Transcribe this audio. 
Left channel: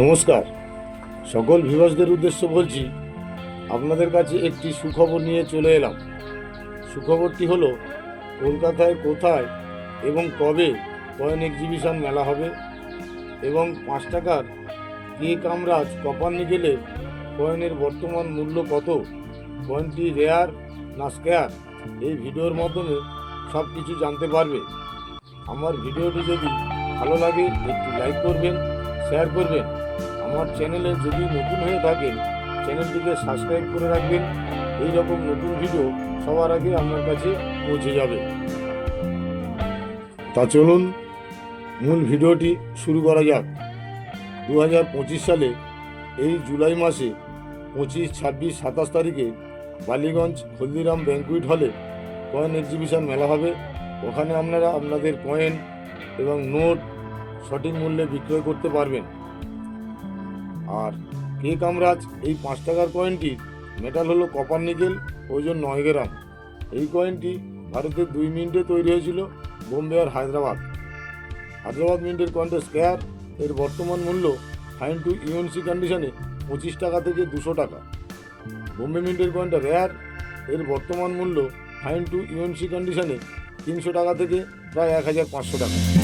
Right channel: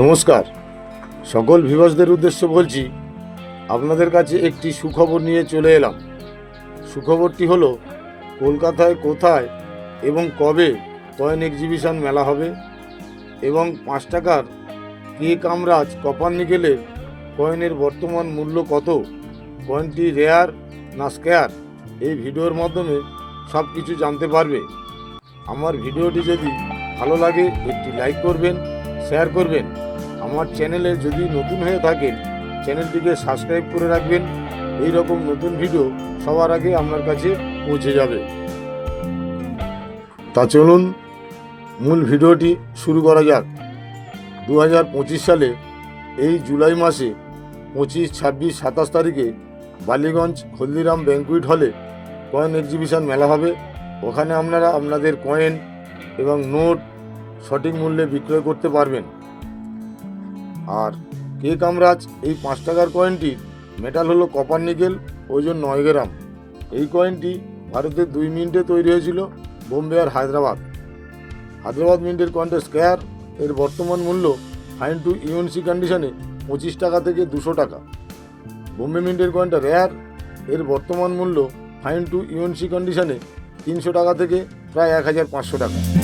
নমস্কার। সকল ভিভাসদের উদ্দেশ্য বলছি, আপনাদের কাছে একটি সুখবর নিয়ে চলে এলাম। সুখবরটি হলো, কলকাতায় কোথায় এবং কবে কয়েন এক্সিবিশন মেলা হবে এবং পাঁচ টাকার কে কামরাজ কপার নিকেলের কয়েনের বর্তমান মূল্য কত? কয়েনটি রেয়ার না স্কেয়ার এই ভিডিওর মাধ্যমে সব কিছু জানতে পারবে। আমার ভিডিওটি যদি ভালো লাগে, একটি লাইক করবেন শেয়ার করবেন। আমার চ্যানেলে যদি নতুন হয়ে থাকেন চ্যানেলটিকে সাবস্ক্রাইব করে রাখবেন। এই রকম নতুন ভিডিও সবার আগে আপনার কাছে পৌঁছে যাবে। তা চলুন, মূল ভিডিওটি শুরু করা যাক। দু হাজার পঁচিশ সালে, এই জুলাই মাসে, পঁচিশ, ছাব্বিশ, সাতাশ তারিখে বালিগঞ্জ হলদিরাম ব্যাঙ্কুইট হলে কয়েন এক্সিবিশন মেলা হবে। ওখানে আপনারা আপনাদের কয়েন এবং নোট সঠিক মূল্যে বিক্রয় করতে পারবেন। আর কে কামরাজ? এই পাঁচ টাকার কয়েনটির মেটাল হলো কপার নিকেল ওজন নয় গ্রাম। এই কয়েনটি ভারতের দুই মিনিটে তৈরি হয়েছিল বোম্বে আর হায়দ্রাবাদ। হায়দ্রাবাদ মিন্টের কয়েনটা স্কোয়ার এর বর্তমান মূল্য ফাইন টু ইউএনসি কন্ডিশনে পঁচিশ টাকা থেকে দুশো টাকা। বোম্বে মিন্টের কয়েনটা রেয়ার এর বর্তমান মূল্য ফাইন টু ইউএনসি কন্ডিশনে তিনশো টাকা থেকে প্রায় এক হাজার পাঁচশো টাকা।